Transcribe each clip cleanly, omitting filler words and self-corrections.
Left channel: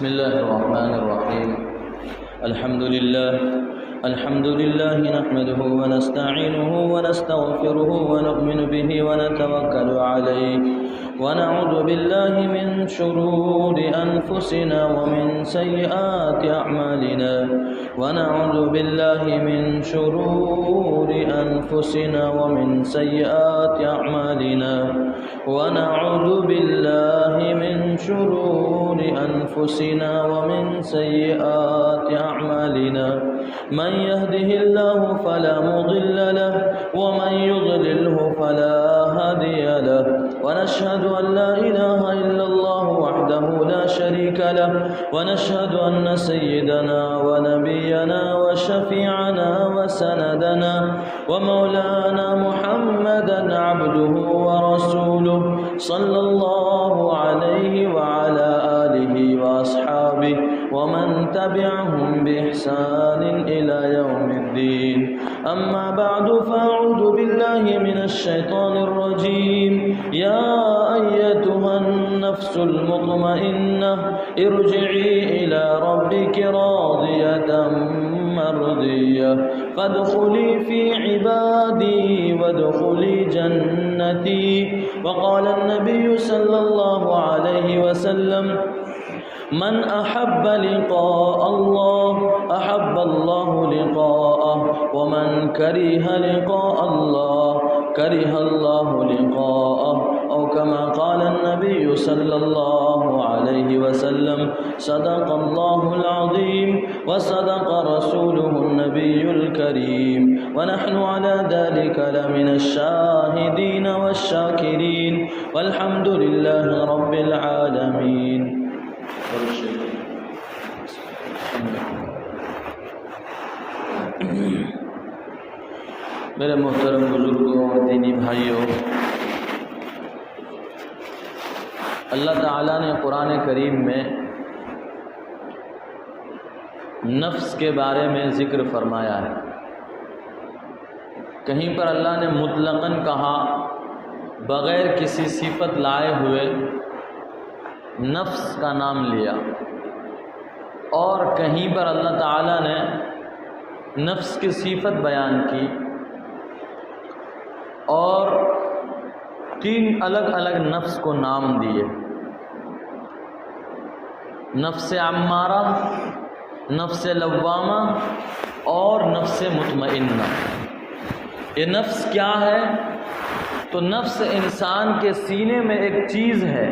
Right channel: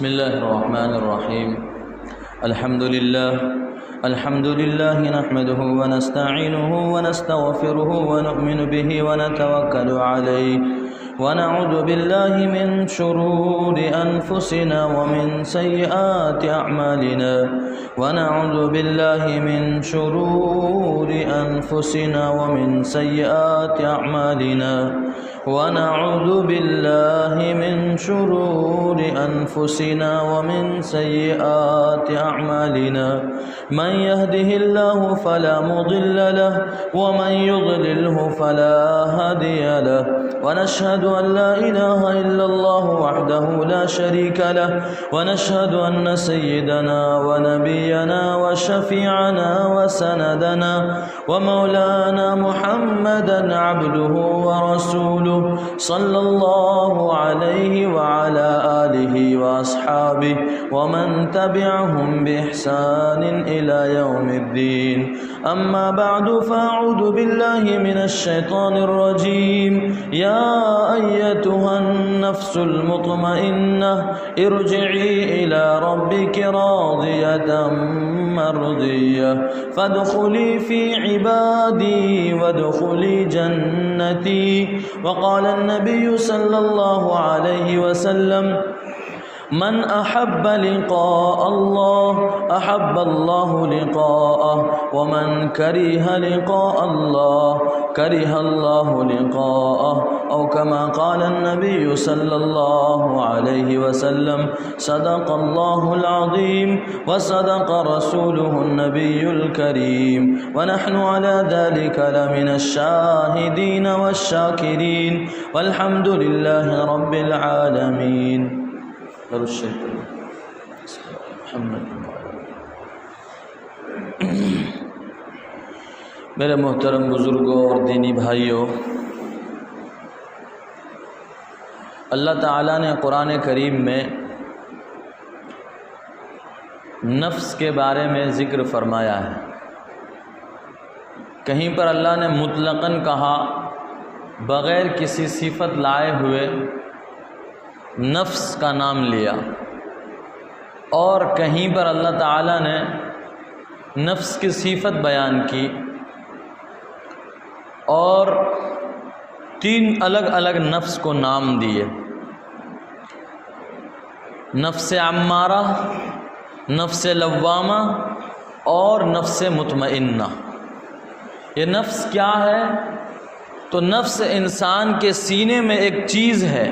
بسم الله الرحمن الرحيم. الحمد لله نحمده ونستعينه ونستغفره ونؤمن به ونتوكل عليه ونعوذ بالله من شرور أنفسنا ومن سيئات أعمالنا ونعوذ بالله من شرور أنفسنا ومن سيئات أعمالنا ونعوذ بالله من شرور أنفسنا ومن سيئات أعمالنا من يهده الله فلا مضل له ومن يضلله فلا هادي له ونشهد أن لا إله إلا الله وحده لا شريك له ونشهد أن سيدنا ونبينا وشفيعنا وسندنا ومولانا محمدا عبده ورسوله صلى الله عليه وعلى آله وأصحابه ومن تبعهم بإحسان إلى يوم الدين. أما بعد فأعوذ بالله من الشيطان الرجيم. يا أيتها النفس المطمئنة ارجعي إلى ربك راضية مرضية فادخلي في عبادي وادخلي جنتي. وقال النبي صلى الله عليه وسلم من أحب لقاء الله أحب الله لقاءه ومن كره لقاء الله كره الله لقاءه أو كما قال النبي صلى الله عليه وسلم. صدق الله العظيم وصدق رسوله النبي الكريم ونحن على ذلك لمن الشاهدين والشاكرين والحمد لله رب العالمين. میرے محترم بزرگوں اور دینی بھائیوں، اللہ تعالیٰ نے قرآن کریم میں نفس کے بارے میں ذکر فرمایا ہے. کہیں پر اللہ نے مطلقاً کہا بغیر کسی صفت لائے ہوئے نفس کا نام لیا، اور کہیں پر اللہ تعالیٰ نے نفس کی صفت بیان کی اور 3 الگ الگ نفس کو نام دیے: نفس عمارہ، نفس لوامہ اور نفس مطمئنہ. یہ نفس کیا ہے؟ تو نفس انسان کے سینے میں ایک چیز ہے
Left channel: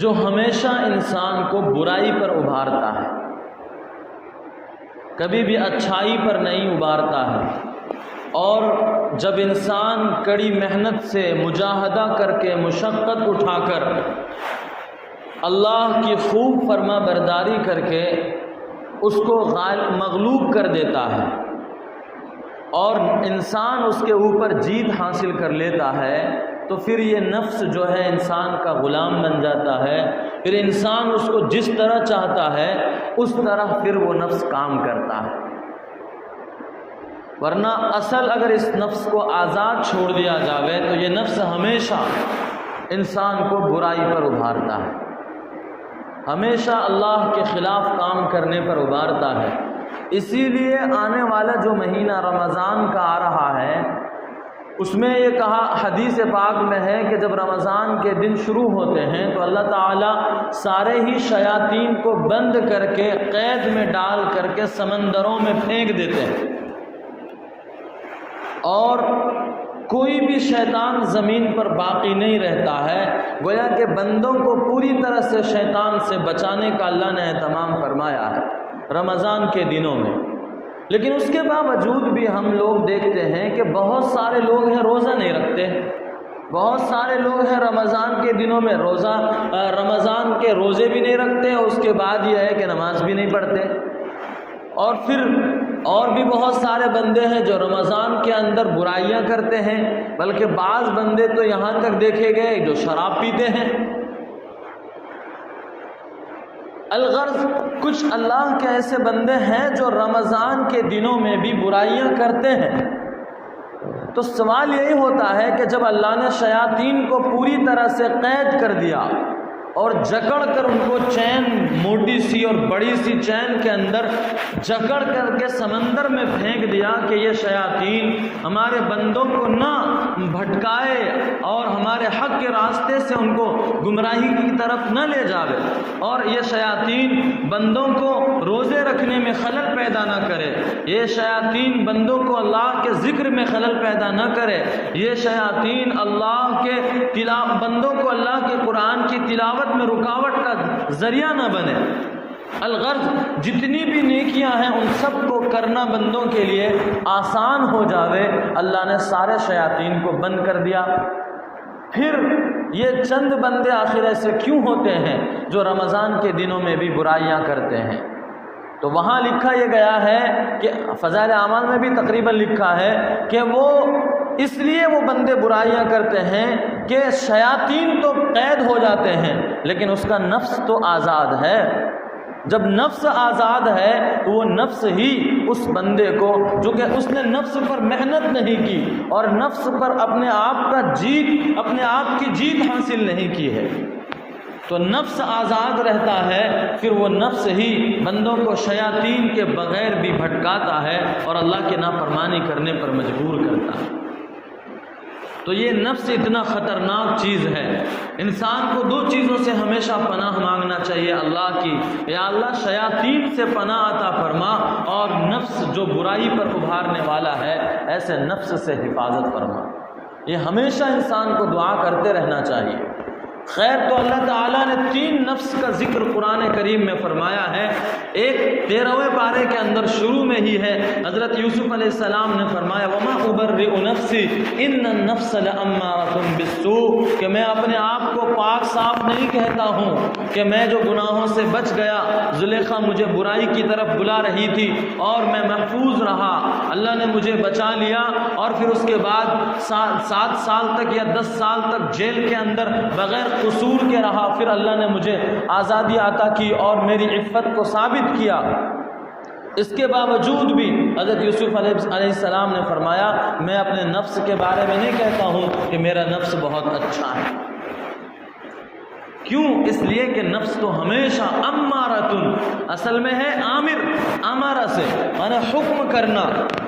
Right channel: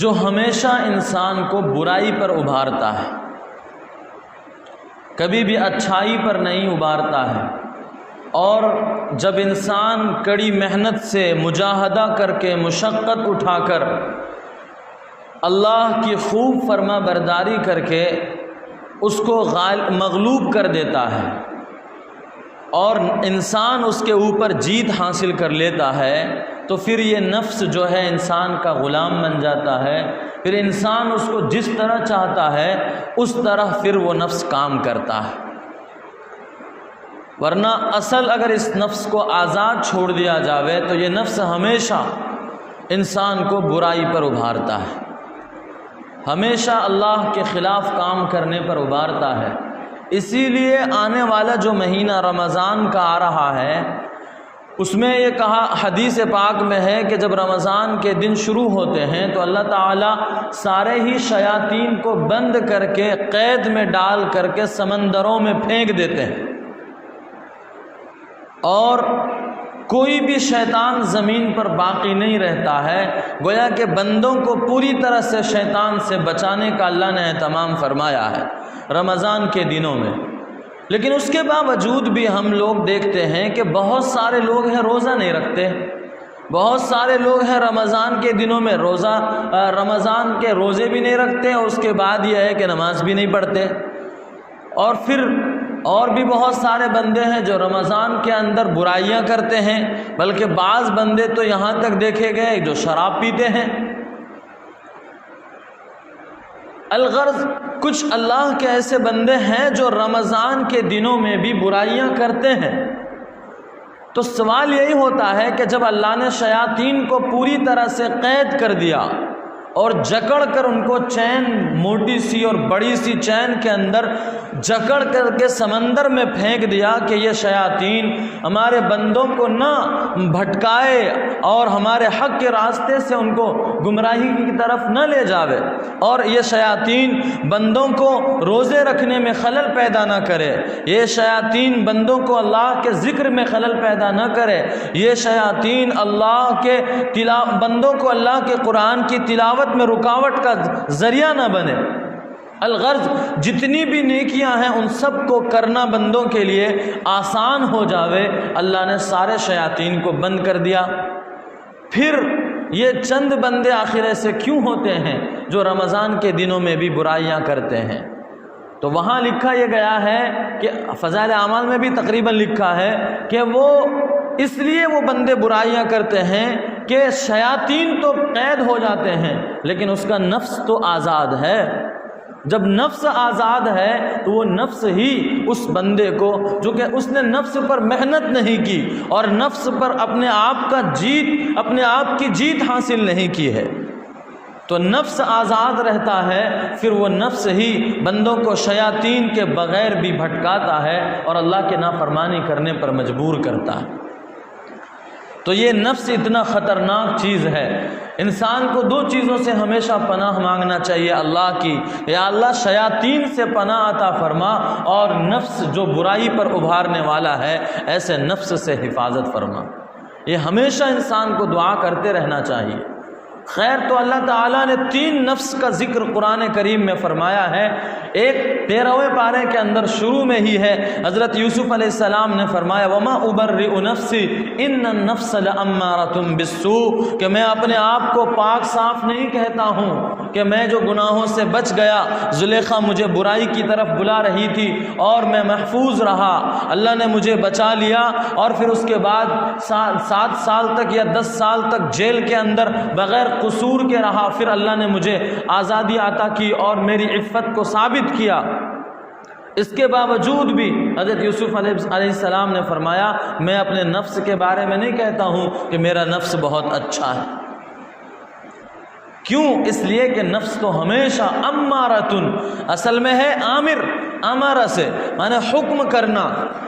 جو ہمیشہ انسان کو برائی پر ابھارتا ہے، کبھی بھی اچھائی پر نہیں ابھارتا ہے. اور جب انسان کڑی محنت سے مجاہدہ کر کے مشقت اٹھا کر اللہ کی خوب فرما برداری کر کے اس کو مغلوب کر دیتا ہے اور انسان اس کے اوپر جیت حاصل کر لیتا ہے، تو پھر یہ نفس جو ہے انسان کا غلام بن جاتا ہے. پھر انسان اس کو جس طرح چاہتا ہے اس طرح پھر وہ نفس کام کرتا ہے. ورنہ اصل اگر اس نفس کو آزاد چھوڑ دیا جاوے تو یہ نفس ہمیشہ انسان کو برائی پر ابھارتا ہے، ہمیشہ اللہ کے خلاف کام کرنے پر ابھارتا ہے. اسی لیے آنے والا جو مہینہ رمضان کا آ رہا ہے اس میں یہ کہا حدیث پاک میں ہے کہ جب رمضان کے دن شروع ہوتے ہیں تو اللہ تعالیٰ سارے ہی شیاطین کو بند کر کے قید میں ڈال کر کے سمندروں میں پھینک دیتے ہیں، اور کوئی بھی شیطان زمین پر باقی نہیں رہتا ہے. گویا کہ بندوں کو پوری طرح سے شیطان سے بچانے کا اللہ نے اہتمام فرمایا ہے رمضان کے دنوں میں. لیکن اس کے باوجود بھی ہم لوگ دیکھتے ہیں کہ بہت سارے لوگ ہیں روزہ نہیں رکھتے، بہت سارے لوگ ہیں رمضان کے دنوں میں رمضان کے روزے بھی نہیں رکھتے، اور اس کے بعد یہ ہے کہ نماز بھی نہیں پڑھتے. اور پھر اور بھی بہت سارے بندے ہیں جو رمضان کے اندر برائیاں کرتے ہیں، بلکہ بعض بندے تو یہاں تک دیکھے گئے جو شراب پیتے ہیں. الغرض کچھ اللہ کے ایسے بندے ہیں جو رمضان کے دنوں میں بھی برائیاں کرتے ہیں. تو سوال یہی ہوتا ہے کہ جب اللہ نے شیاطین کو پوری طرح سے قید کر دیا اور جکڑ کر ان کو چین موٹی سی اور بڑی سی چین کے اندر جکڑ کر کے سمندر میں پھینک دیا کہ یہ شیاطین ہمارے بندوں کو نہ بھٹکائے اور ہمارے حق کے راستے سے ان کو گمراہی کی طرف نہ لے جاوے، اور یہ شیاطین بندوں کو روزے رکھنے میں خلل پیدا نہ کرے، یہ شیاطین بندوں کو اللہ کے ذکر میں خلل پیدا نہ کرے، یہ شیاطین اللہ کے بندوں کو اللہ کے قرآن کی تلاوت میں رکاوٹ کا ذریعہ نہ بنے۔ الغرض جتنی بھی نیکیاں ہیں ان سب کو کرنا بندوں کے لیے آسان ہو جاوے، اللہ نے سارے شیاطین کو بند کر دیا۔ پھر یہ چند بندے آخر ایسے کیوں ہوتے ہیں جو رمضان کے دنوں میں بھی برائیاں کرتے ہیں؟ تو وہاں لکھا یہ گیا ہے کہ فضائل اعمال میں بھی تقریباً لکھا ہے کہ وہ اس لیے وہ بندے برائیاں کرتے ہیں کہ شیاطین تو قید ہو جاتے ہیں لیکن اس کا نفس تو آزاد ہے۔ جب نفس آزاد ہے تو وہ نفس ہی اس بندے کو، جو کہ اس نے نفس پر محنت نہیں کی اور نفس پر اپنے آپ کی جیت حاصل نہیں کی ہے، تو نفس آزاد رہتا ہے، پھر وہ نفس ہی بندوں کو شیاطین کے بغیر بھی بھٹکاتا ہے اور اللہ کے نافرمانی کرنے پر مجبور کرتا ہے۔ تو یہ نفس اتنا خطرناک چیز ہے۔ انسان کو دو چیزوں سے ہمیشہ پناہ مانگنا چاہیے اللہ کی، یا اللہ شیاطین سے پناہ عطا فرما، اور نفس جو برائی پر ابھارنے والا ہے ایسے نفس سے حفاظت فرما۔ یہ ہمیشہ انسان کو دعا کرتے رہنا چاہیے۔ خیر، تو اللہ تعالیٰ نے 3 نفس کا ذکر قرآن کریم میں فرمایا ہے۔ ایک 13ویں پارے کے اندر شروع میں ہی ہے، حضرت یوسف علیہ السلام نے فرمایا وَمَا أُبَرِّئُ نَفْسِي إِنَّ النَّفْسَ لَأَمَّارَةٌ بِالسُّوءِ، کہ میں اپنے آپ کو پاک صاف نہیں کہتا ہوں کہ میں جو گناہوں سے بچ گیا، زلیخا مجھے برائی کی طرف بلا رہی تھی اور میں محفوظ رہا، اللہ نے مجھے بچا لیا، اور پھر اس کے بعد 7 سال تک یا 10 سال تک جیل کے اندر بغیر قصور کے رہا، پھر اللہ نے مجھے آزادی عطا کی اور میری عفت کو ثابت کیا۔ اس کے باوجود بھی حضرت یوسف علیہ السلام نے فرمایا میں اپنے نفس کے بارے میں نہیں کہتا ہوں کہ میرا نفس بہت اچھا ہے۔ کیوں؟ اس لیے کہ نفس تو ہمیشہ امارتن، اصل میں ہے عامر، امارہ سے معنی حکم کرنا،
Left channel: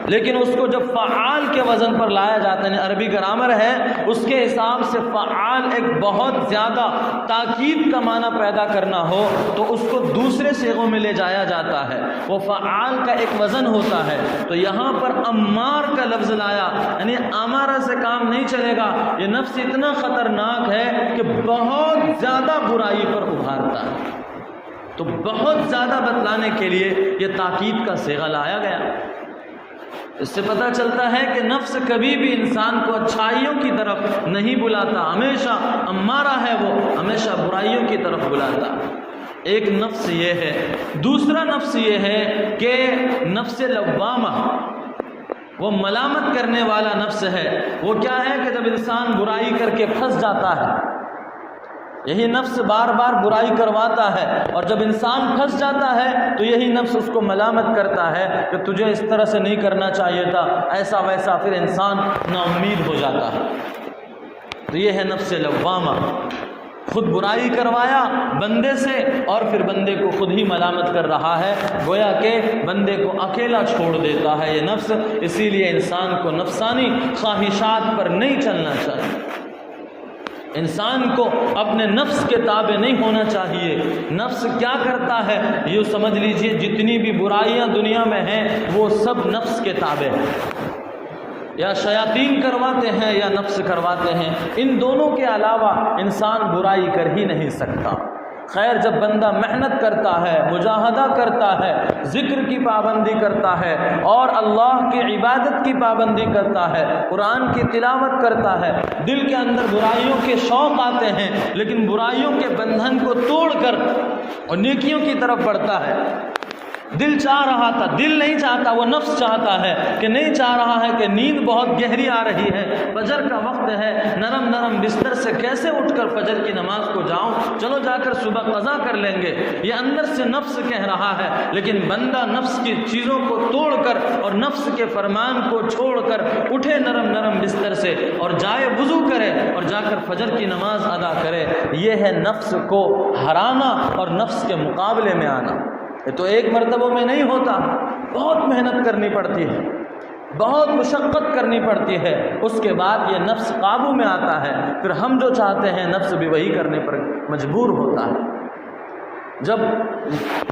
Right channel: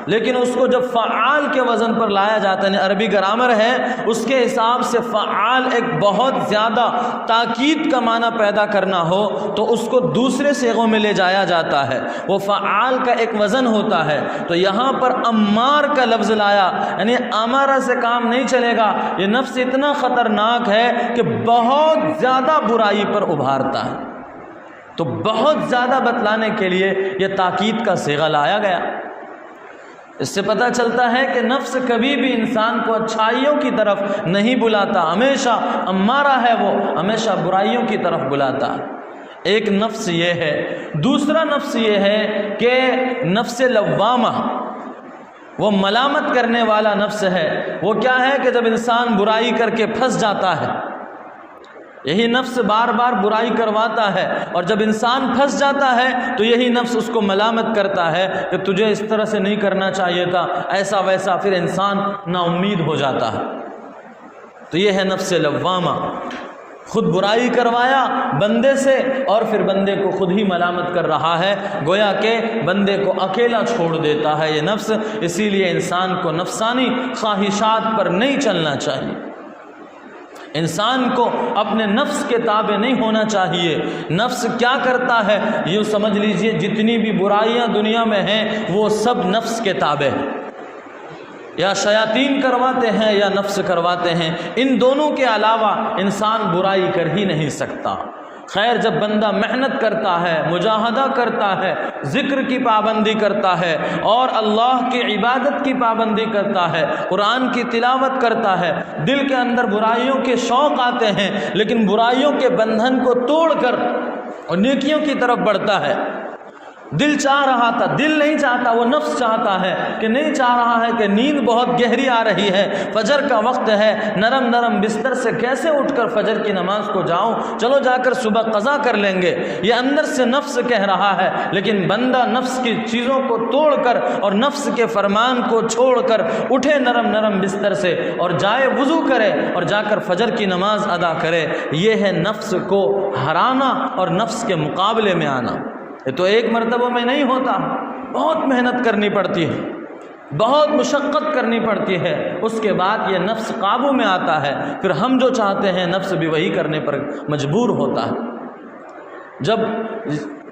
لیکن اس کو جب فعال کے وزن پر لایا جاتا ہے، عربی گرامر ہے اس کے حساب سے فعال ایک بہت زیادہ تاکید کا معنی پیدا کرنا ہو تو اس کو دوسرے صیغوں میں لے جایا جاتا ہے، وہ فعال کا ایک وزن ہوتا ہے۔ تو یہاں پر امار کا لفظ لایا، یعنی امارہ سے کام نہیں چلے گا، یہ نفس اتنا خطرناک ہے کہ بہت زیادہ برائی پر ابھارتا ہے، تو بہت زیادہ بتلانے کے لیے یہ تاکید کا صیغہ لایا گیا۔ اس سے پتہ چلتا ہے کہ نفس کبھی بھی انسان کو اچھائیوں کی طرف نہیں بلاتا، ہمیشہ امارہ ہے، وہ ہمیشہ برائیوں کی طرف بلاتا۔ ایک نفس یہ ہے۔ دوسرا نفس یہ ہے کہ نفس لوامہ، وہ ملامت کرنے والا نفس ہے۔ وہ کیا ہے کہ جب انسان برائی کر کے پھنس جاتا ہے، یہی نفس بار بار برائی کرواتا ہے، اور جب انسان پھنس جاتا ہے تو یہی نفس اس کو ملامت کرتا ہے کہ تجھے اس طرح سے نہیں کرنا چاہیے تھا، ایسا ویسا، پھر انسان نا امید ہو جاتا ہے۔ تو یہ ہے نفس لوامہ، خود برائی کروایا بندے سے اور پھر بندے کو خود ہی ملامت کر رہا ہے، گویا کہ بندے کو اکیلا چھوڑ دیتا ہے یہ نفس۔ اسی لیے انسان کو نفسانی خواہشات پر نہیں چلنا چاہیے، انسان کو اپنے نفس کے تابع نہیں ہونا چاہیے۔ نفس کیا کرتا ہے یہ سمجھ لیجئے، جتنی بھی برائیاں دنیا میں ہیں وہ سب نفس کے تابع ہیں، یا شیاطین کرواتے ہیں یا نفس کرواتے ہیں، ان دونوں کے علاوہ انسان برائی کر ہی نہیں سکتا۔ خیر، جب بندہ محنت کرتا ہے، مجاہدہ کرتا ہے، ذکر کی پابندی کرتا ہے اور اللہ کی عبادت کی پابندی کرتا ہے، قرآن کی تلاوت کرتا ہے، دل کے اندر برائیوں کے شوق آتے ہیں لیکن برائیوں کے بندھن کو توڑ کر اور نیکیوں کی طرف بڑھتا ہے، دل چاہ رہا تھا، دل نہیں چاہتا، وہ نفس چاہتا ہے کہ نہیں چاہ رہا ہے کہ نیند بہت گہری آ رہی ہے، فجر کا وقت ہے، نرم نرم بستر سے کیسے اٹھ کر فجر کی نماز کو جاؤں، چلو جا کر صبح قضا کر لیں گے، یہ اندر سے نفس کہہ رہا ہے۔ لیکن بندہ نفس کی چیزوں کو توڑ کر اور نفس کے فرمان کو چھوڑ کر اٹھے نرم نرم بستر سے اور جائے وضو کرے اور جا کر فجر کی نماز ادا کرے، یہ ہے نفس کو ہرانا اور نفس کے مقابلے میں آنا۔ یہ تو ایک مرتبہ میں نہیں ہوتا، بہت محنت کرنی پڑتی ہے، بہت مشقت کرنی پڑتی ہے، اس کے بعد یہ نفس قابو میں آتا ہے، پھر ہم جو چاہتے ہیں نفس بھی وہی کرنے پر مجبور ہوتا ہے۔ جب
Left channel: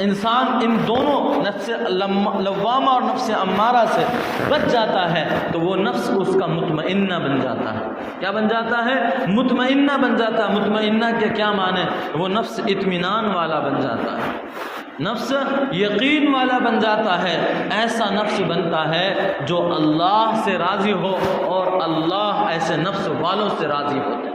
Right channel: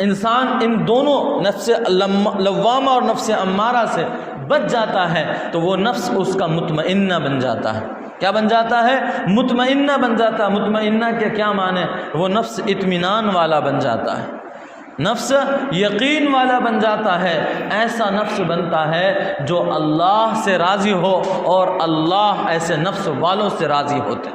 انسان ان دونوں نفس لوامہ اور نفس امارہ سے بچ جاتا ہے تو وہ نفس اس کا مطمئنہ بن جاتا ہے۔ کیا بن جاتا ہے؟ مطمئنہ بن جاتا ہے۔ مطمئنہ کے کیا معنی؟ وہ نفس اطمینان والا بن جاتا ہے، نفس یقین والا بن جاتا ہے، ایسا نفس بنتا ہے جو اللہ سے راضی ہو، اور اللہ ایسے نفس والوں سے راضی ہوتے ہیں۔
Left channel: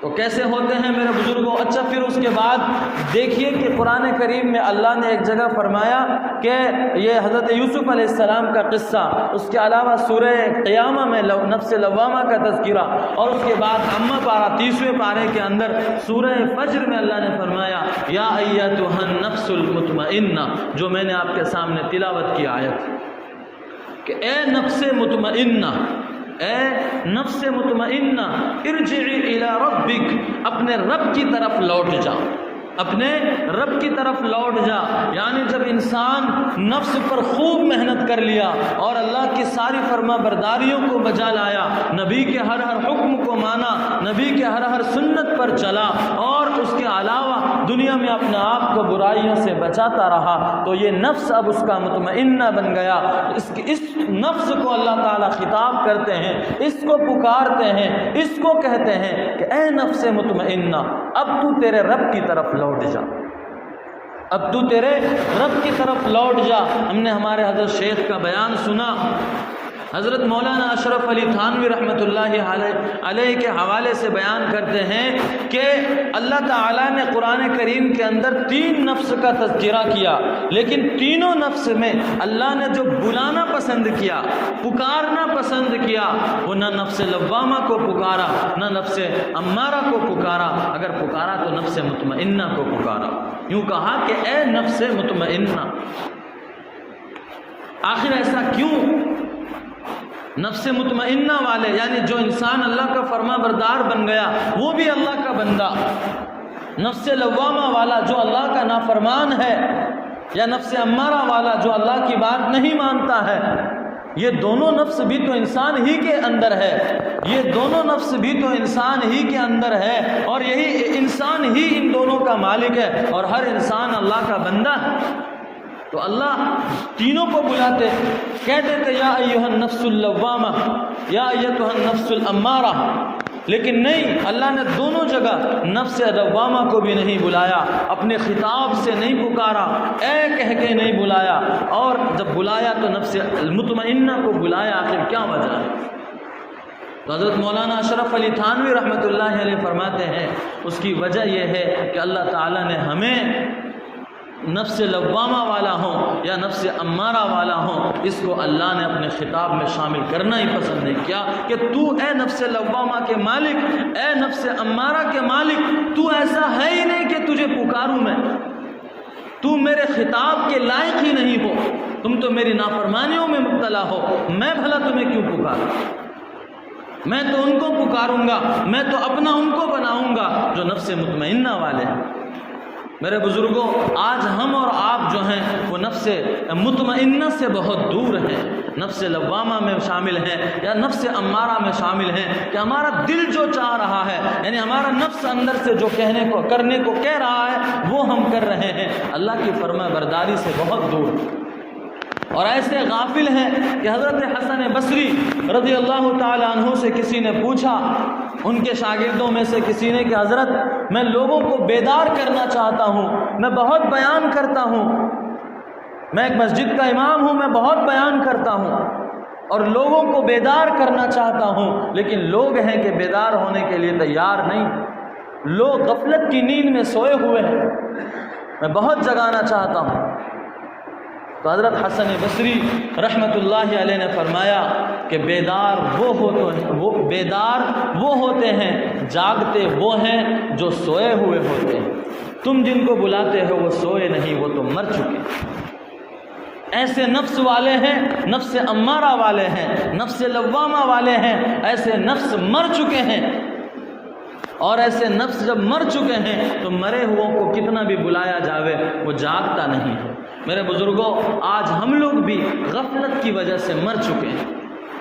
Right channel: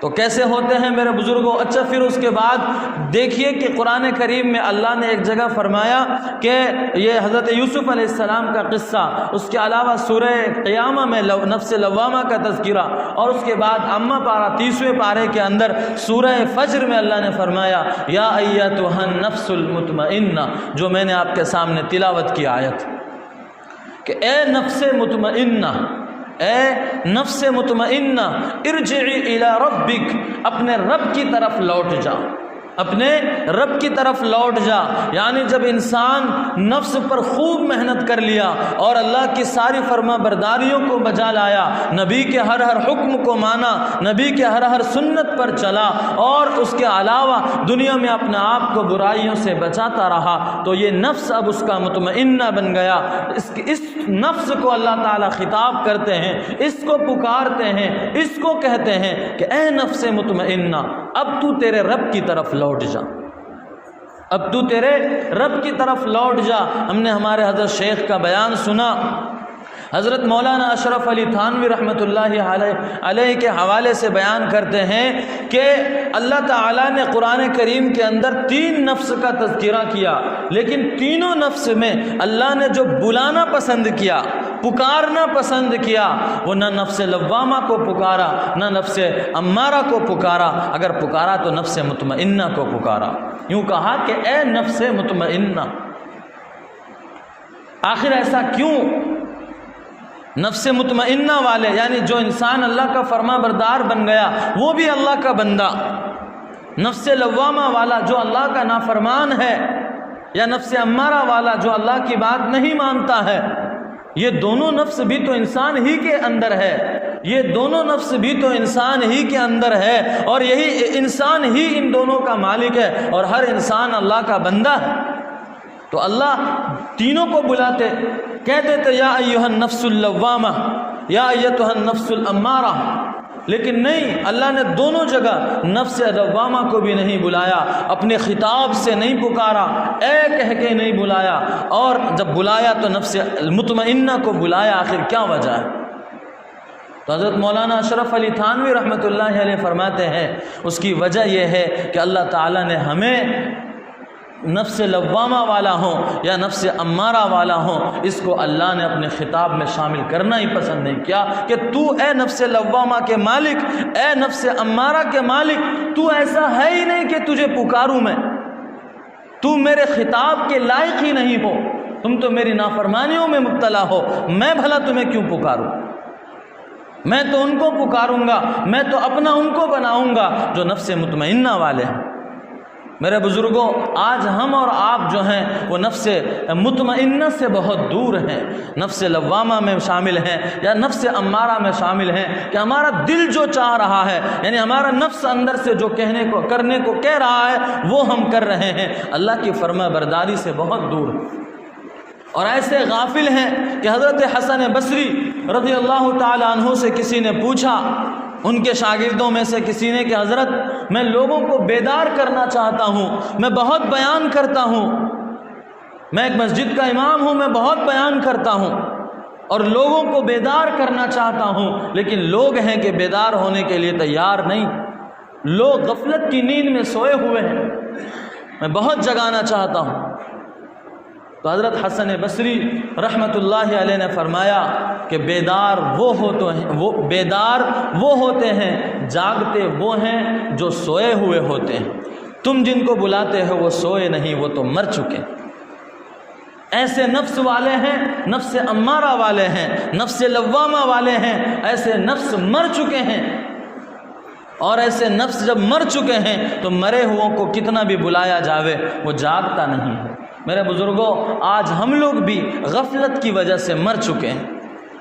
تو کیسے ہوتے ہیں میرے بزرگوں؟ اچھا پھر اس کے بعد دیکھیے کہ قرآن کریم میں اللہ نے ایک جگہ فرمایا کہ یہ حضرت یوسف علیہ السلام کا قصہ، اس کے علاوہ سورہ قیامہ میں نفس لوامہ کا تذکرہ، اور اس کے بعد اما پارہ 30ویں پارے کے اندر سورہ فجر میں اللہ نے فرمایا یا ایتھا النفس المطمئنہ، جو میں نے آپ کے سامنے تلاوت کی آیت، کہ اے نفس مطمئنہ، اے نفس مطمئنہ، ارجعی الی ربک، اپنے رب کی طرف لوٹ جا، اپنے رب کی طرف لوٹ جا۔ یعنی جب انسان نفس پر خوب محنت کر لیا اور اللہ کی ساری فرما برداریوں کو بجا لایا، نبی کے ہر ہر حکم کو مانا، نبی کے ہر ہر سنت پر چلا، اور اس کے علاوہ دنیا میں اپنے آپ کو برائیوں سے بچاتا رہا، تو یہ نفس اب اس کا مطمئنہ بن گیا۔ اس نفس کو اللہ تعالیٰ خطاب کرتے ہیں، اس کو پکارتے ہیں، اس کو کہتے ہیں کہ اے نفس مطمئنہ، اب تو تیرے رب کی طرف لوٹ جا، اب تو تیرے رب کی طرف لوٹ جا۔ ہم نے ہمارے حضرت شیخ کا بیان سنا، حضرت مولانا اشرف علی تھانوی رحمۃ اللہ علیہ کے حوالے سے بیان کرتے ہیں کہ اللہ تعالیٰ نے قرآن کریم کے اندر 3 نفس کا تذکرہ کیا، لیکن تینوں نفس میں اللہ نے جو بلانا پسند کیا، پکارنا پسند کیا، وہ نہ نفس لوامہ کو پکارا، نہ نفس امارہ کو پکارا، اگر پکارا تو نفس مطمئنہ کو پکارا۔ یوں کہا کہ اے نفس مطمئنہ۔ آخر ایسا کیوں؟ نفس مطمئنہ والے یعنی جو انسان اللہ کا فرما بردار بن گیا وہ بھی اللہ کا بندہ، نفس لوامہ والا جو اللہ کا نافرمان ہے، یا نفس امارہ والا جو اللہ کی بات نہیں مانتا ہے، یہ دونوں نفس بھی تو انسان ہی کے اندر ہے، یہ دونوں نفس بھی تو انسان ہی کے اندر ہے، اور یہی انسان ہی ان دونوں کا مالک ہے، اور ہر انسان اللہ کا بندہ ہے۔ تو اللہ تینوں کو بلاتے، کہتے تھے یا ایھا النفس اللوامہ، یا ایھا النفس الامارہ، لیکن نہیں، اللہ نے دونوں جگہ نفس لوامہ کو بھی نہیں بلایا، اپنے خطاب سے نہیں پکارا، اے کہہ کے نہیں بلایا، اور جب بلایا تو نفس مطمئنہ کو بلایا۔ آخر کیا وجہ ہے؟ حضرت مولانا اشرف علی تھانوی رحمۃ اللہ علیہ فرماتے ہیں اس کی وجہ یہ ہے کہ اللہ تعالیٰ نے ہمیں نفس لوامہ والا ہوں یا نفس امارہ والا ہوں، اس کو اللہ نے اپنے خطاب میں شامل کرنا ہی پسند نہیں کیا کہ تو اے نفس لوامہ کے مالک، اے نفس امارہ کے مالک، تو ایسا ہے ہی نہیں کہ تجھے پکاروں میں، تو میرے خطاب کے لائق ہی نہیں ہو، تم تو میری نافرمانیوں میں مبتلا ہو، میں بھلا تمہیں کیوں پکاروں؟ میں تو ان کو پکاروں گا، میں تو اپنا ان کو بناؤں گا جو نفس مطمئنہ والے ہیں۔ میرے بزرگوں، آج ہم اور آپ جو ہیں وہ نفس مطمئنہ سے بہت دور ہیں، نفس لوامہ میں شامل ہیں یا نفس امارہ میں شامل ہیں کہ ہمارا دل جو چاہ رہا ہے، یعنی ہمارا نفس اندر سے جو کرنے کو کہہ رہا ہے وہ ہم کر رہے ہیں، اللہ کی فرما برداری سے بہت دور۔ اور ایسے غافل ہیں کہ حضرت حسن بصری رضی اللہ تعالی عنہ سے کسی نے پوچھا، ان کے شاگردوں میں سے کسی نے کہ حضرت میں لوگوں کو بیدار کرنا چاہتا ہوں، میں بہت بیان کرتا ہوں، میں ایک مسجد کا امام ہوں، میں بہت بیان کرتا ہوں اور لوگوں کو بیدار کرنا چاہتا ہوں، لیکن لوگ ہیں کہ بیدار ہونے کے لیے تیار نہیں، لوگ غفلت کی نیند میں سوئے ہوئے ہیں، میں بہت جگانا چاہتا ہوں تو حضرت حسن بصری رحمۃ اللہ علیہ نے فرمایا کہ بیدار وہ ہوتے ہیں، جاگتے وہ ہیں جو سوئے ہوئے ہوتے ہیں۔ تم جن کو بلاتے ہو وہ سوئے نہیں، وہ تو مر چکے۔ ایسے نفس والے ہیں، نفس امارہ والے ہیں، نفس لوامہ والے ہیں، ایسے نفس مر چکے ہیں۔ اور ایسے نفس جب مر چکے ہیں تو مرے ہوئوں کو کتنا بھی بلایا جاوے وہ جاگتا نہیں ہے۔ میرے بزرگوں، آج ہم لوگ بھی غفلت کی وجہ سے مر چکے ہیں۔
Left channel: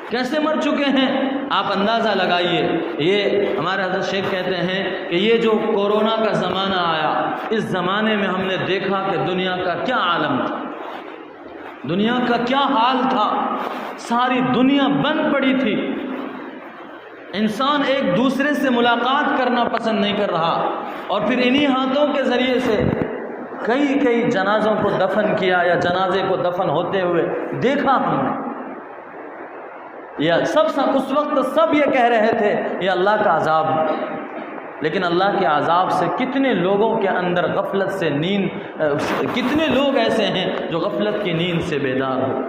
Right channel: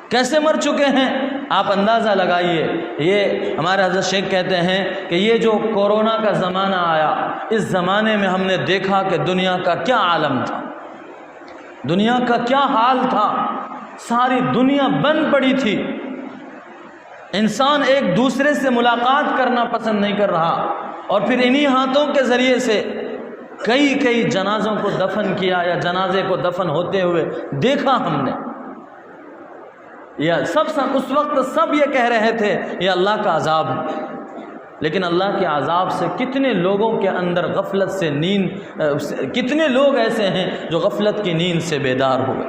کیسے مر چکے ہیں آپ اندازہ لگائیے۔ یہ ہمارے حضرت شیخ کہتے ہیں کہ یہ جو کورونا کا زمانہ آیا، اس زمانے میں ہم نے دیکھا کہ دنیا کا کیا عالم تھا، دنیا کا کیا حال تھا۔ ساری دنیا بند پڑی تھی، انسان ایک دوسرے سے ملاقات کرنا پسند نہیں کر رہا، اور پھر انہی ہاتھوں کے ذریعے سے کئی جنازوں کو دفن کیا، یا جنازے کو دفن ہوتے ہوئے دیکھا ہم نے۔ یا اس وقت سب یہ کہہ رہے تھے یہ اللہ کا عذاب ہے، لیکن اللہ کے عذاب سے کتنے لوگوں کے اندر غفلت سے کتنے لوگ ایسے ہیں جو غفلت کی نیند سے بیدار ہوئے۔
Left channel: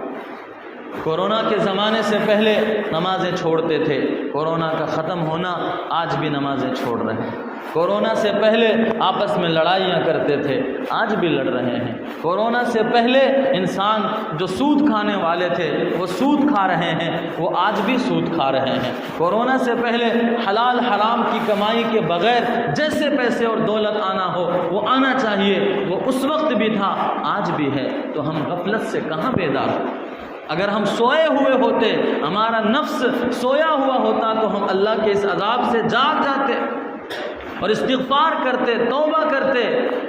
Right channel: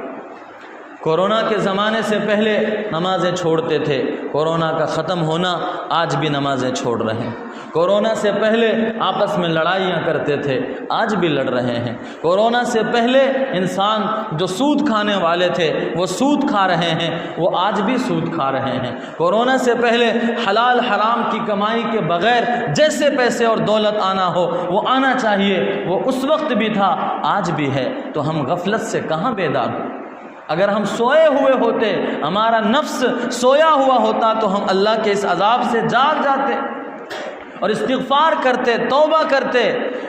کورونا کے زمانے سے پہلے نمازیں چھوڑتے تھے، کورونا کا ختم ہونا آج بھی نمازیں چھوڑ رہے ہیں۔ کورونا سے پہلے آپس میں لڑائیاں کرتے تھے، آج بھی لڑ رہے ہیں۔ کورونا سے پہلے انسان جو سود کھانے والے تھے وہ سود کھا رہے ہیں، وہ آج بھی سود کھا رہے ہیں۔ کورونا سے پہلے حلال حرام کی کمائی کے بغیر جیسے پیسے اور دولت آنا ہو وہ آنا چاہیے، وہ اس وقت بھی تھا، آج بھی ہے۔ تو ہم غفلت سے کہاں بیدار ہیں؟ اگر ہم سوئے ہوئے ہوتے، ہمارا نفس سویا ہوا ہوتا تو ہم اللہ کے اس عذاب سے جاگ جاتے اور استغفار کرتے، توبہ کرتے،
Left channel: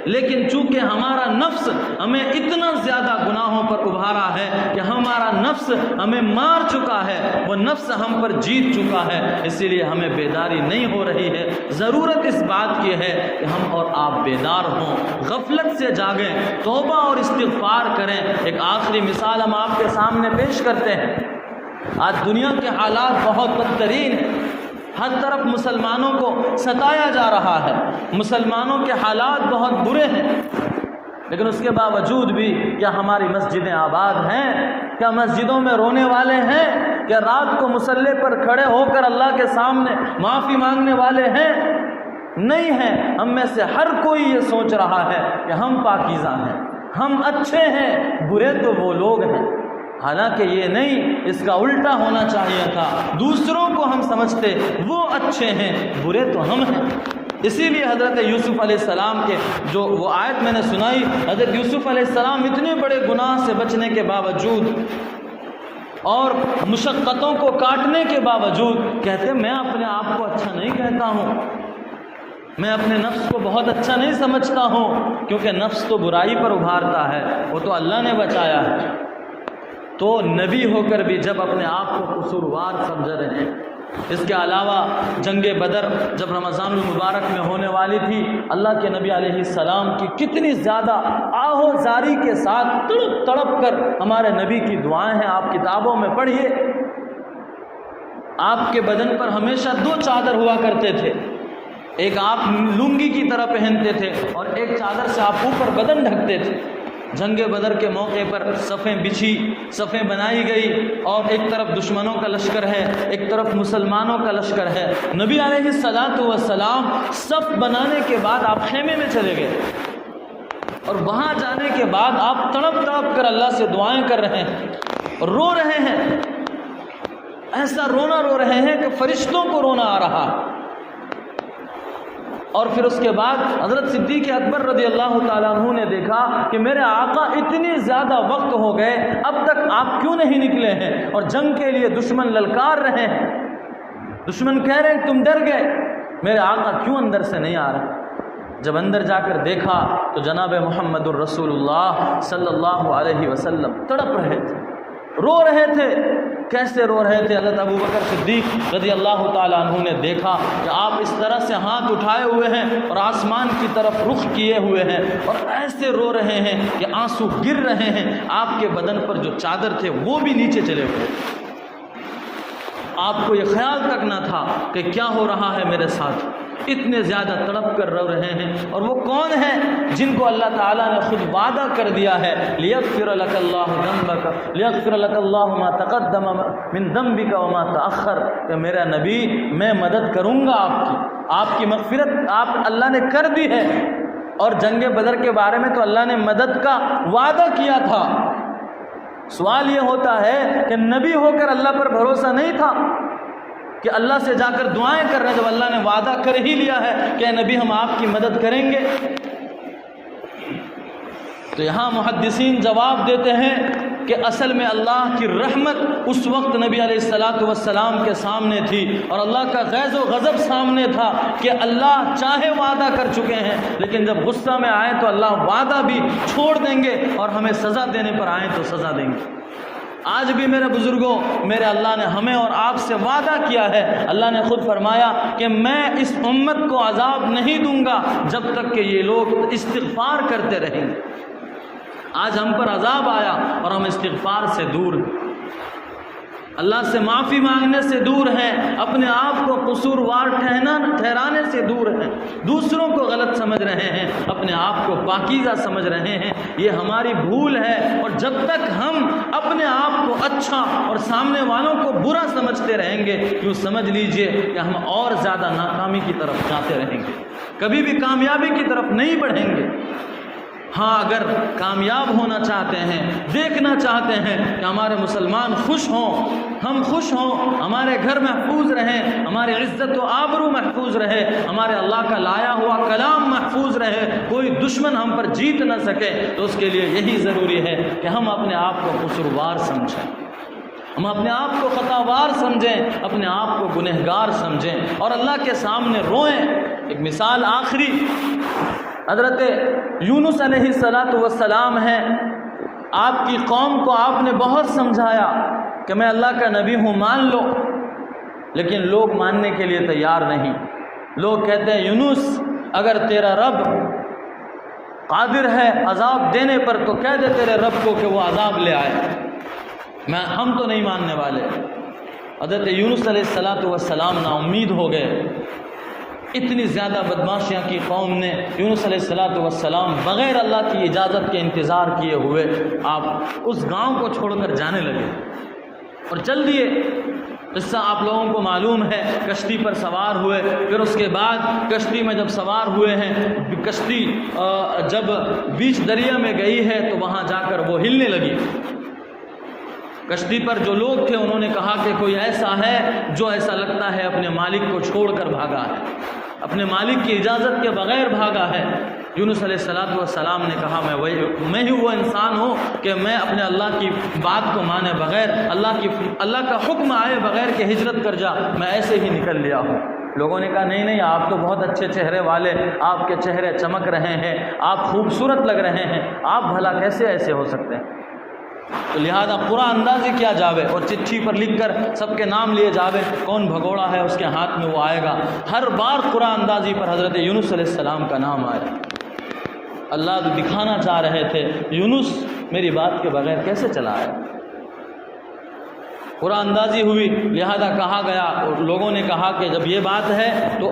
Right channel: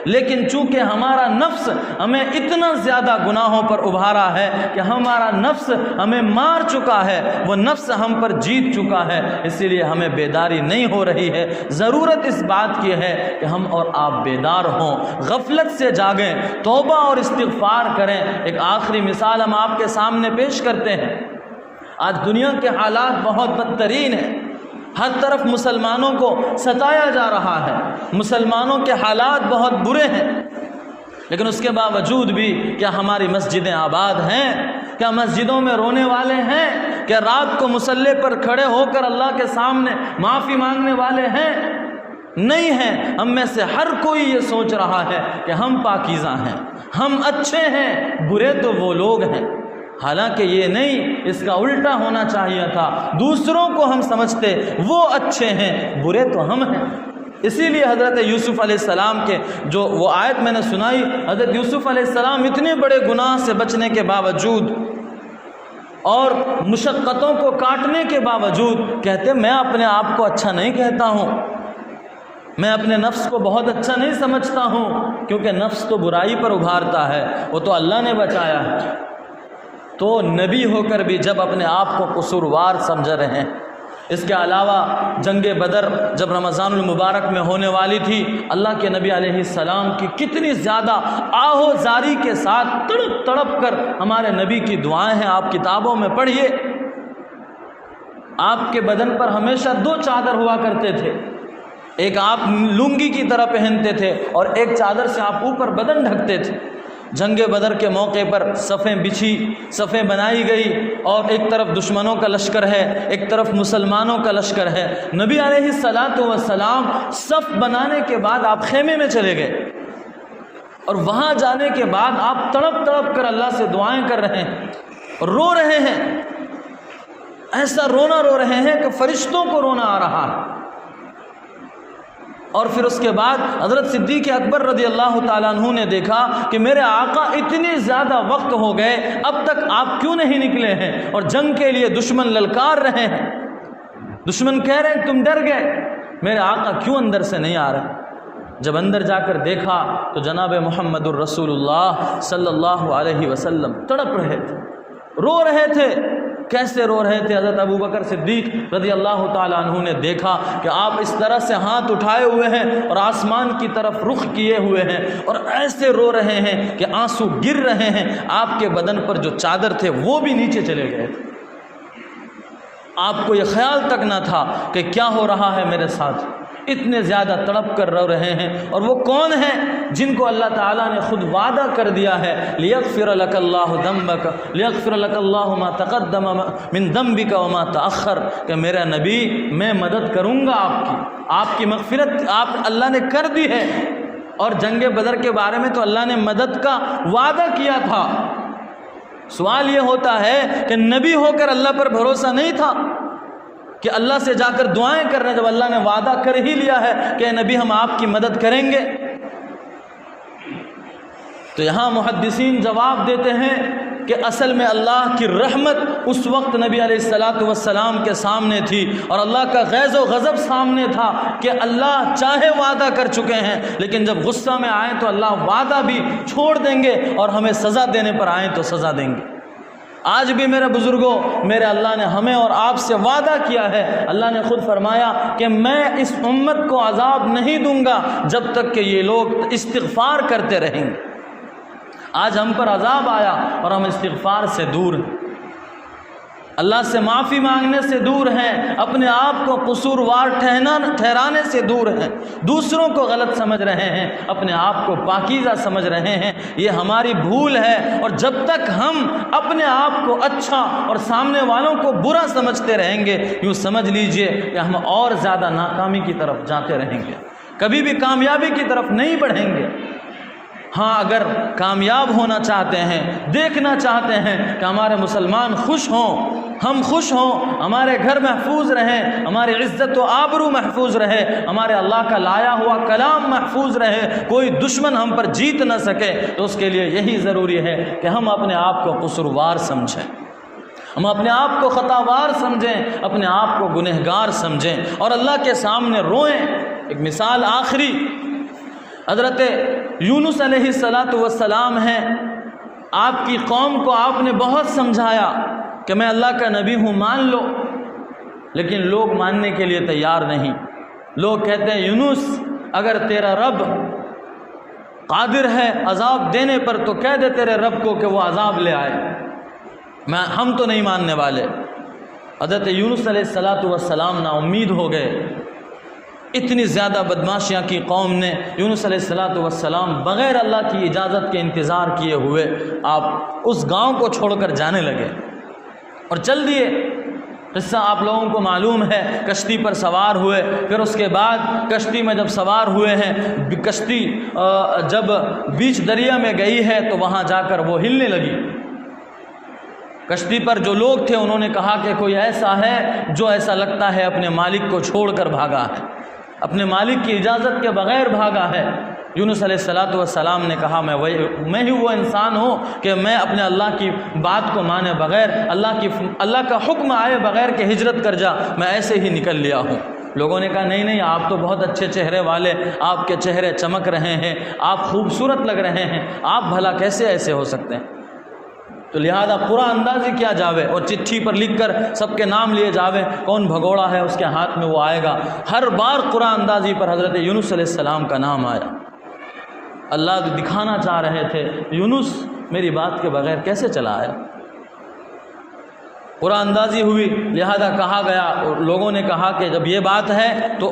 لیکن چونکہ ہمارا نفس ہمیں اتنا زیادہ گناہوں پر ابھارا ہے کہ ہمارا نفس ہمیں مار چکا ہے، وہ نفس ہم پر جیت چکا ہے، اسی لیے ہمیں بیداری نہیں ہو رہی ہے۔ ضرورت اس بات کی ہے کہ ہم اور آپ بیدار ہوں، غفلت سے جاگیں، توبہ اور استغفار کریں۔ ایک آخری مثال ہم آپ کے سامنے پیش کرتے ہیں۔ آج دنیا کے حالات بہت بدترین ہیں، ہر طرف مسلمانوں کو ستایا جا رہا ہے، مسلمانوں کے حالات بہت برے ہیں، لیکن اس کے باوجود بھی کیا ہماری مسجدیں آباد ہیں؟ کیا مسجدوں میں رونے والے ہیں؟ کیا رات کو مصلی پر کھڑے ہو کر اللہ کے سامنے معافی مانگنے والے ہیں؟ نہیں ہیں۔ ہم میں سے ہر کوئی یہ سوچ رہا ہے کہ ہم پاکیزہ ہیں، ہم اچھے ہیں، برے تو وہ لوگ ہیں۔ حالانکہ یہ نہیں، اس کا الٹا ہونا چاہیے تھا، دوسروں کو ہم سمجھتے وہ اچھے ہیں، برے تو ہم ہیں۔ اسی لیے حضرت یوسف علیہ السلام کے جو وہ آیت میں نے سنائی، حضرت یوسف علیہ السلام اتنے بڑے گناہ سے بچنے کے باوجود اور مشقتوں کو کاٹنے کے باوجود کہتے میں اپنے آپ کو اچھا نہیں کہتا ہوں، میں اپنے نفس کو بہت اچھا نہیں سمجھتا ہوں، کیونکہ نفس تو برائی پر ابھارتا ہے، وہ تو اللہ نے بچایا ہے۔ تو نبی ہو کر بھی جب اپنے آپ کو قصوروار سمجھ رہے ہیں۔ اس کے علاوہ جنگ بدر جب رمضان المبارک میں ہونے والی تھی، اللہ کے نبی علیہ السلام کی کتنی زیادہ آہو زاری کے ساتھ تڑپ تڑپ کر ہمارے نبی کی دعائیں ہیں، آپ کتابوں میں پڑھیے۔ آپ کے بدن پر ہمیشہ 2 چادر ہوا کرتے تھے، ایک آپ لنگی کی طرح پہنتے تھے اور ایک چادر سے آپ اوپر بدن ڈھکتے تھے۔ جنگ بدر کے موقع پر صفیں بچھی، صفیں بنائی گئی، اور ایک طرف دشمنوں کا لشکر ہے، ایک طرف مسلمانوں کا لشکر ہے۔ نبی علیہ السلام صف بنانے کے بعد آپ خیمے میں چلے گئے، اور وہاں جانے کے بعد آپ تڑپ تڑپ کر اللہ سے دعائیں کر رہے ہیں، رو رہے ہیں، ایسا رونا رو رہے ہیں کہ فرشتوں کو رونا آ رہا ہے۔ اور پھر اس کے بعد حضرت صدیق اکبر رضی اللہ تعالیٰ عنہ نے دیکھا کہ میرے آقا اتنے زیادہ وقت ہو گئے، اب تک آپ کیوں نہیں نکلے ہیں؟ اور جنگ کے لیے دشمن للکار رہے ہیں، دشمن کہہ رہے ہیں تم ڈر گئے، میرے آقا کیوں اندر سے نہیں آ رہے؟ جب اندر جا کر دیکھا تو جناب محمد الرسول اللہ صلی اللہ علیہ وسلم تڑپ رہے تھے، رو رہے تھے۔ کیسے رو رہے تھے؟ حضرت ابوبکر صدیق رضی اللہ تعالیٰ عنہ نے دیکھا کہ آپ اس طرح سے ہاتھ اٹھائے ہوئے ہیں اور آسمان کی طرف رخ کیے ہوئے ہیں، اور ایسے رو رہے ہیں کہ آنسو گر رہے ہیں، آپ کے بدن پر جو چادر تھے وہ بھی نیچے چلے گئے۔ آپ کو یہ خیال تک نہ تھا کہ کیا ہو رہا ہے میرے ساتھ، اتنے زیادہ تڑپ کر رو رہے ہیں. اور وہ کون ہیں جن کو اللہ تعالیٰ نے خود وعدہ کر دیا ہے لیغفر لک اللہ ذنبک لیغفر لک اللہ ما تقدم من ذنبک وما تأخر، کہ میرا نبی میں مدد کروں گا آپ کی مغفرت آپ اللہ نے کر دی ہے. اور جنگ بدر کے بارے میں تو اللہ نے مدد کا وعدہ کیا تھا. سوال یہ ہوتا ہے کہ نبی ہو کر اللہ پر بھروسہ نہیں تھا کہ اللہ سے جا کر دعائیں کر رہے، جب اللہ نے وعدہ کر ہی لیا ہے کہ اے نبی ہم آپ کی مدد کریں گے. تو یہاں محدثین جواب دیتے ہیں کہ اصل میں اللہ کی رحمت اس وقت نبی علیہ السلام کے سامنے تھی اور اللہ کا غیظ و غضب سامنے تھا کہ اللہ چاہے وعدہ کر چکے ہیں لیکن جب غصہ میں آئیں تو اللہ وعدہ بھی چھوڑ دیں گے اور ہمیں سزا دینے پر آئیں تو سزا دیں گے. آج بھی میرے بزرگوں میرے اللہ نے ہمیں اور آپ سے وعدہ کیا ہے. اللہ نے خود فرمایا کہ میں اس امت کو عذاب نہیں دوں گا جب تک کہ یہ لوگ استغفار کرتے رہیں گے. آج ہم پر عذاب آیا اور ہم استغفار سے دور ہیں، اللہ سے معافی مانگنے سے دور ہیں، اپنے آپ کو قصوروار ٹھہرانے سے دور ہیں، دوسروں کو غلط سمجھ رہے ہیں، اپنے آپ کو پاکیزہ سمجھ رہے ہیں. یہ ہماری بھول ہے. اور جب تک ہم اپنے آپ کو اچھا اور سامنے والوں کو برا سمجھتے رہیں گے، یوں سمجھ لیجئے کہ ہم اور زیادہ ناکامی کی طرف جاتے رہیں گے، کبھی بھی کامیابی کی طرف نہیں بڑھیں گے. ہاں اگر کامیاب ہونا چاہتے ہیں، دیکھنا چاہتے ہیں کہ ہمارے مسلمان خوش ہوں، ہم خوش ہوں، ہمارے گھر محفوظ رہیں، ہماری عزت و آبرو محفوظ رہے، ہمارے اللہ کا لایا ہوا کلام محفوظ رہے، کوئی دشمن ہم پر جیت نہ سکے، تو اس کے لیے یہی ضروری ہے کہ ہم اپنے آپ کو قصوروار سمجھیں، ہم اپنے آپ کو خطاوار سمجھیں، اپنے آپ کو گنہگار سمجھیں اور اللہ کے سامنے روئیں. ایک مثال آخری حضرت یونس علیہ السلام ہیں. آپ کی قوم کو آپ نے بہت سمجھایا کہ میں اللہ کا نبی ہوں، مان لو، لیکن لوگ ماننے کے لیے تیار نہیں. لوگ کہتے ہیں یونس اگر تیرا رب قادر ہے عذاب دینے پر تو کہہ دے تیرے رب کو کہ وہ عذاب لے آئے، ہم تو نہیں ماننے والے. حضرت یونس علیہ السلام نا امید ہو گئے. اتنی زیادہ بدماشیاں کی قوم نے یونس علیہ السلام بغیر اللہ کی اجازت کے انتظار کیے ہوئے آپ اس گاؤں کو چھوڑ کر جانے لگے اور چل دیے. قصہ آپ لوگوں کو معلوم ہے. کشتی پر سوار ہوئے، پھر اس کے بعد کشتی میں جب سوار ہوئے ہیں، کشتی جب بیچ دریا میں گئی ہے تو وہاں جا کر وہ ہلنے لگی. کشتی پر جو لوگ تھے انہوں نے کہا کہ کوئی ایسا ہے جو ایسا لگتا ہے اپنے مالک کو چھوڑ کر بھاگا ہے، اپنے مالک کی اجازت کے بغیر بھاگا ہے. یونس علیہ السلام نے کہا میں ہی وہ انسان ہوں کہ میں اپنے اللہ کی بات کو مانے بغیر، اللہ کا حکم آئے بغیر کہ ہجرت کر جا، میں ایسے ہی نکل لیا ہوں. لوگوں نے کہا نہیں آپ تو بہت اچھے چہرے والے، آپ کے چہرے چمک رہے ہیں، آپ خوبصورت لگ رہے ہیں، آپ بھلا کیسے ایسے ہو سکتے ہیں؟ تو لہذا پورا اندازی کیا جاوے اور چٹھی پر لکھ کر سب کے نام لیے جاوے، کون بھگوڑا ہے اس کے ہاتھ میں وہ آئے گا. ہر بار قرآن اندازی پر حضرت یونس علیہ السلام کا نام آیا. اللہ دکھانا چاہ رہے تھے یونس میری بات کے بغیر کیسے چلا ہے. قرآن اندازی ہوئی، لہذا کہا گیا، لوگوں نے کہا کہ جب یہ بات ہے تو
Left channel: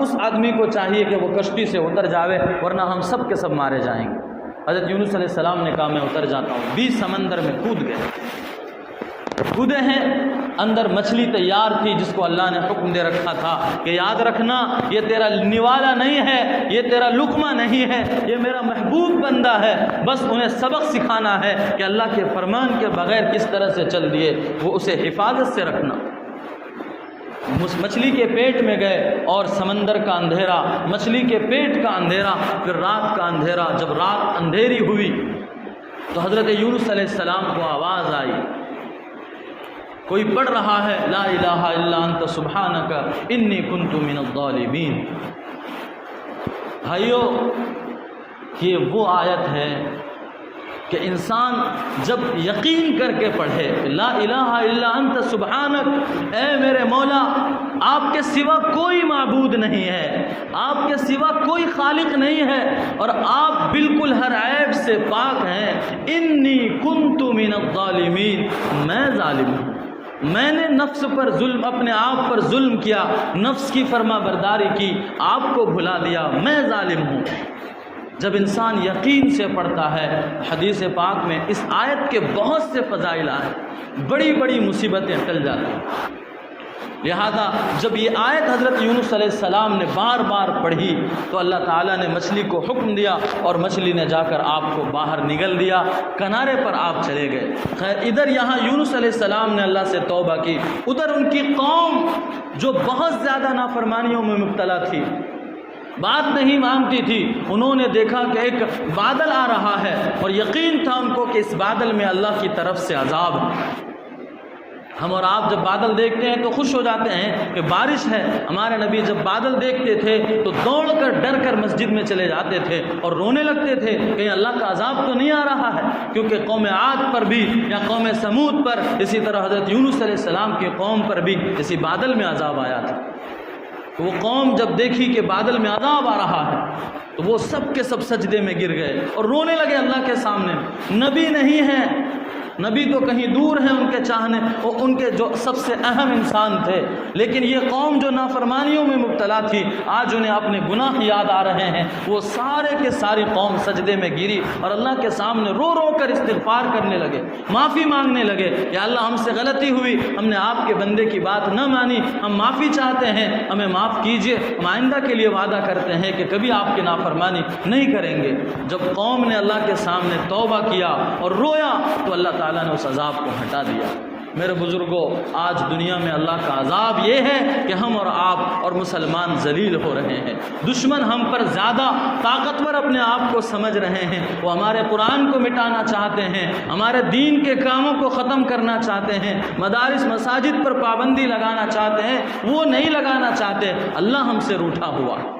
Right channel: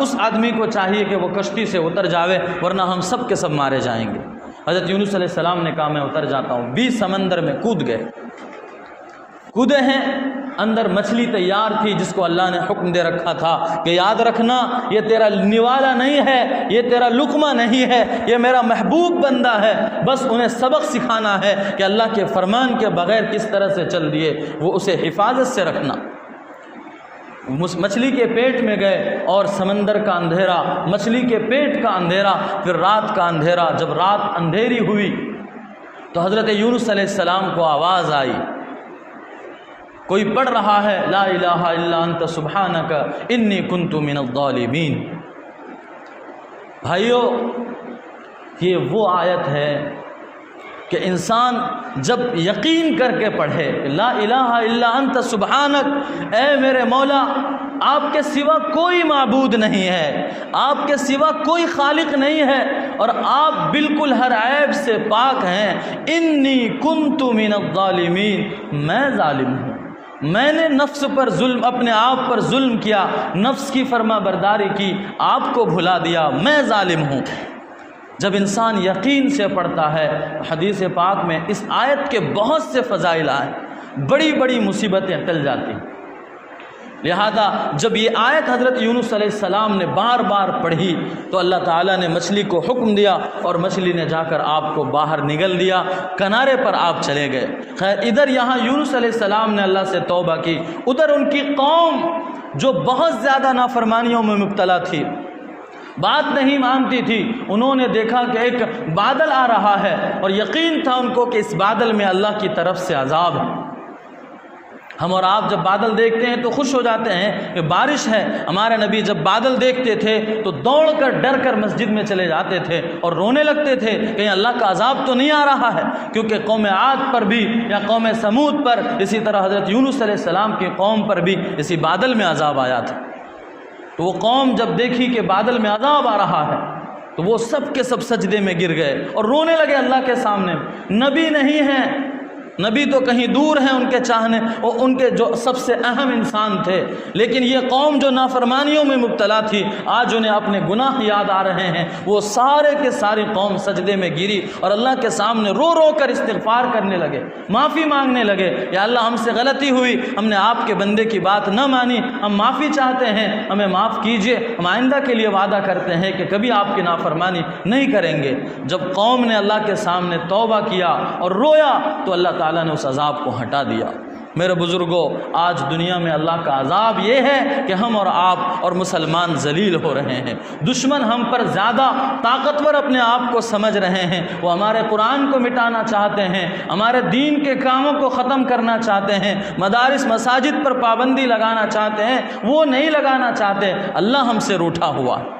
اس آدمی کو چاہیے کہ وہ کشتی سے اتر جاوے ورنہ ہم سب کے سب مارے جائیں گے. حضرت یونس علیہ السلام نے کہا میں اتر جاتا ہوں. 20 سمندر میں کودے ہیں. اندر مچھلی تیار تھی جس کو اللہ نے حکم دے رکھا تھا کہ یاد رکھنا یہ تیرا نوالا نہیں ہے، یہ تیرا لقمہ نہیں ہے، یہ میرا محبوب بندہ ہے. بس انہیں سبق سکھانا ہے کہ اللہ کے فرمان کے بغیر کس طرح سے چل دیے، وہ اسے حفاظت سے رکھنا. مچھلی کے پیٹ میں گئے اور سمندر کا اندھیرا، مچھلی کے پیٹ کا اندھیرا، پھر رات کا اندھیرا. جب رات اندھیری ہوئی تو حضرت یونس علیہ السلام کو آواز آئی، کوئی پڑھ رہا ہے لا الہ الا انت سبحانک انی کنت من الظالمین. بھائیو یہ وہ آیت ہے کہ انسان جب یقین کر کے پڑھے لا الہ الا انت سبحانک، اے میرے مولا آپ کے سوا کوئی معبود نہیں ہے، آپ کے سوا کوئی خالق نہیں ہے اور آپ بالکل ہر عیب سے پاک ہیں. انی کنت من الظالمین، میں ظالم ہوں، میں نے نفس پر ظلم، اپنے آپ پر ظلم کیا، نفس کی فرما برداری کی، آپ کو بھلا دیا، میں ظالم ہوں۔ جب انسان یقین سے پڑھتا ہے، حدیث پاک میں اس آیت کے بہت سے فضائل آئے، بڑی بڑی مصیبتیں ٹل جاتی ہیں۔ لہذا جب یہ آیت حضرت یونس علیہ السلام نے بار بار پڑھی تو اللہ تعالیٰ نے مچھلی کو حکم دیا اور مچھلی نے جا کر آپ کو باہر نگل دیا، کنارے پر آپ چلے گئے۔ خیر ادھر یہاں یونس علیہ السلام نے اللہ سے توبہ کی، ادھر ان کی قوم جو بہت زیادہ نافرمانیوں میں مبتلا تھی، بات نہیں مانتی تھی، انہوں نے دیکھا کہ ایک بادل آ رہا ہے اور یقین تھا ان کو کہ اس بادل میں اللہ کی طرف سے عذاب ہے۔ ہم اور آپ جب بادل دیکھتے ہیں تو خوش ہو جاتے ہیں کہ بارش ہے، ہمارے نبی جب بادل دیکھتے تھے تو دوڑ کر ڈر کر مسجد میں چلے جاتے تھے اور رونے لگتے تھے کہ اللہ کا عذاب تو نہیں آ رہا ہے، کیونکہ قوم عاد پر بھی یا قوم سمود پر، اسی طرح حضرت یونس علیہ السلام کی قوم پر بھی اسی بادل میں عذاب آیا تھا۔ تو وہ قوم جب دیکھی کہ بادل میں عذاب آ رہا ہے تو وہ سب کے سب سجدے میں گر گئے اور رونے لگے اللہ کے سامنے۔ نبی نہیں ہیں، نبی تو کہیں دور ہیں ان کے چاہنے، اور ان کے جو سب سے اہم انسان تھے، لیکن یہ قوم جو نافرمانیوں میں مبتلا تھی، آج انہیں اپنے گناہ یاد آ رہے ہیں، وہ سارے کے ساری قوم سجدے میں گری اور اللہ کے سامنے رو رو کر استغفار کرنے لگے، معافی مانگنے لگے، یا اللہ ہم سے غلطی ہوئی، ہم نے آپ کے بندے کی بات نہ مانی، ہم معافی چاہتے ہیں، ہمیں معاف کیجئے، ہم آئندہ کے لیے وعدہ کرتے ہیں کہ کبھی آپ کی نافرمانی نہیں کریں گے۔ جب قوم نے اللہ کے سامنے توبہ کیا اور رویا تو اللہ تعالیٰ نے اس عذاب کو ہٹا دیا۔ میرے بزرگوں، آج دنیا میں اللہ کا عذاب یہ ہے کہ ہم اور آپ اور مسلمان ذلیل ہو رہے ہیں، دشمن ہم پر زیادہ طاقتور اپنے آپ کو سمجھ رہے ہیں، وہ ہمارے قرآن کو مٹانا چاہتے ہیں، ہمارے دین کے کاموں کو ختم کرنا چاہتے ہیں، مدارس مساجد پر پابندی لگانا چاہتے ہیں، وہ نہیں لگانا چاہتے۔ اللہ ہم سے روٹھا ہوا ہے،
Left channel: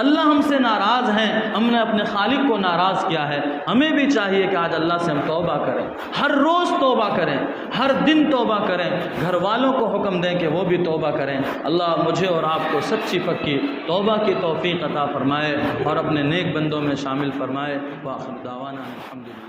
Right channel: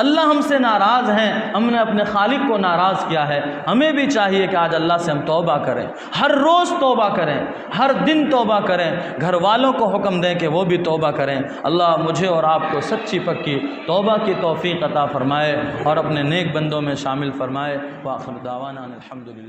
اللہ ہم سے ناراض ہیں، ہم نے اپنے خالق کو ناراض کیا ہے۔ ہمیں بھی چاہیے کہ آج اللہ سے ہم توبہ کریں، ہر روز توبہ کریں، ہر دن توبہ کریں، گھر والوں کو حکم دیں کہ وہ بھی توبہ کریں۔ اللہ مجھے اور آپ کو سچی پکی توبہ کی توفیق عطا فرمائے اور اپنے نیک بندوں میں شامل فرمائے۔ وآخر دعوانا الحمدللہ۔